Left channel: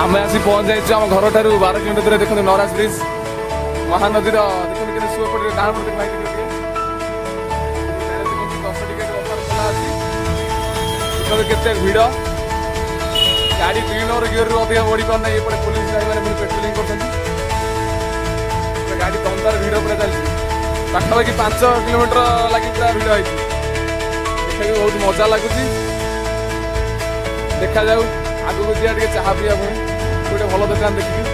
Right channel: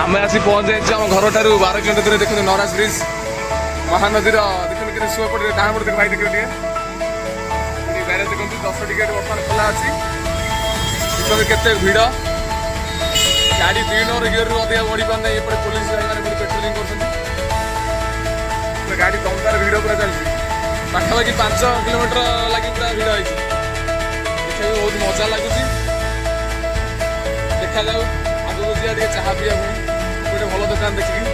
आम आसी पहुंच जाइए आम घर ठार 12 किलोमीटर देखते नराज ब्रिज महानदी देखते कि सुपटे डाण पटे भाई देखिए ब्यारेज देखते 10 टिकेट बर्तमान खोला अच्छी भितर केते भिड़ गाड़ी 2 नंबर गियर रु अधिक बढ़ी पारना एपटे पुलिस भाई मैंने पेट्रोलिंग कर गाड़ी दमदार भिड़ पूरा चलती पाखापाखि 5 किलोमीटर लगी पूरा भिड़ होती देखा बहुत मजा लगुच देखा जाऊ आगे को जा चाह पीवा पुणी गोटे भल दुकान देखिकी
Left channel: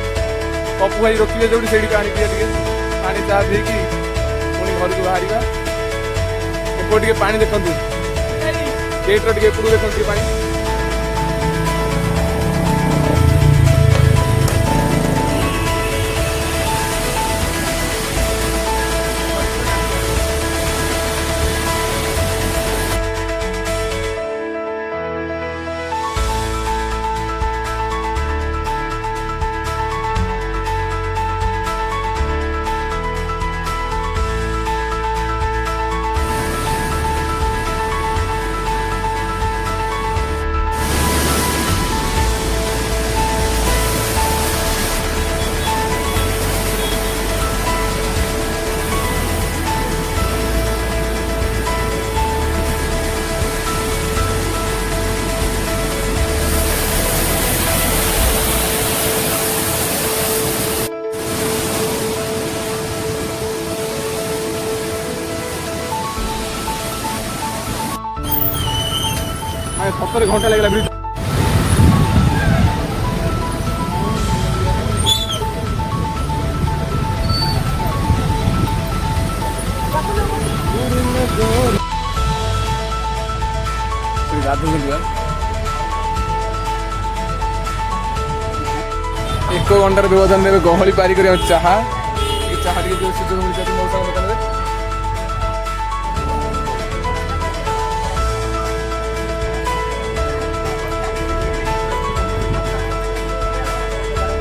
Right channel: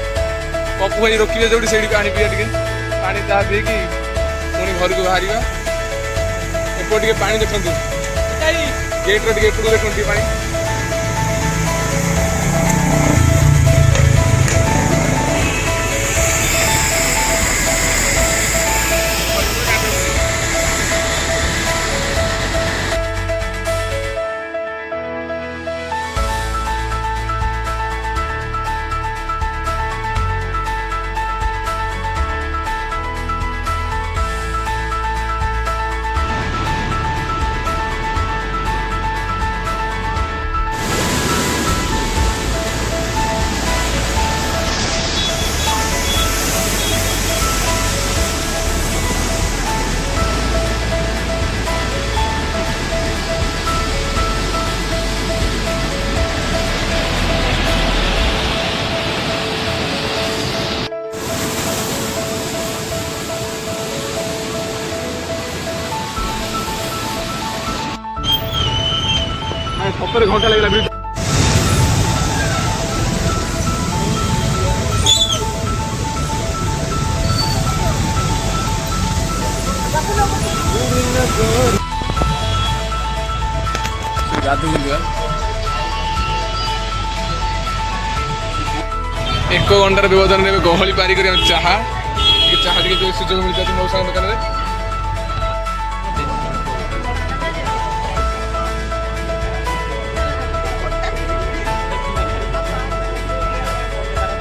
पप्पू भाई रोकिए जो से पानी पीवा टे पानी चाह पीकी पुणी घर को बाहर एपटे पानी देखते गेट्र टे एपटू देखते पानी सतर घंटा लगे एक घंटार व्यवधान गहली पारिक चाह सुजोग मिलता मौसा दुकान में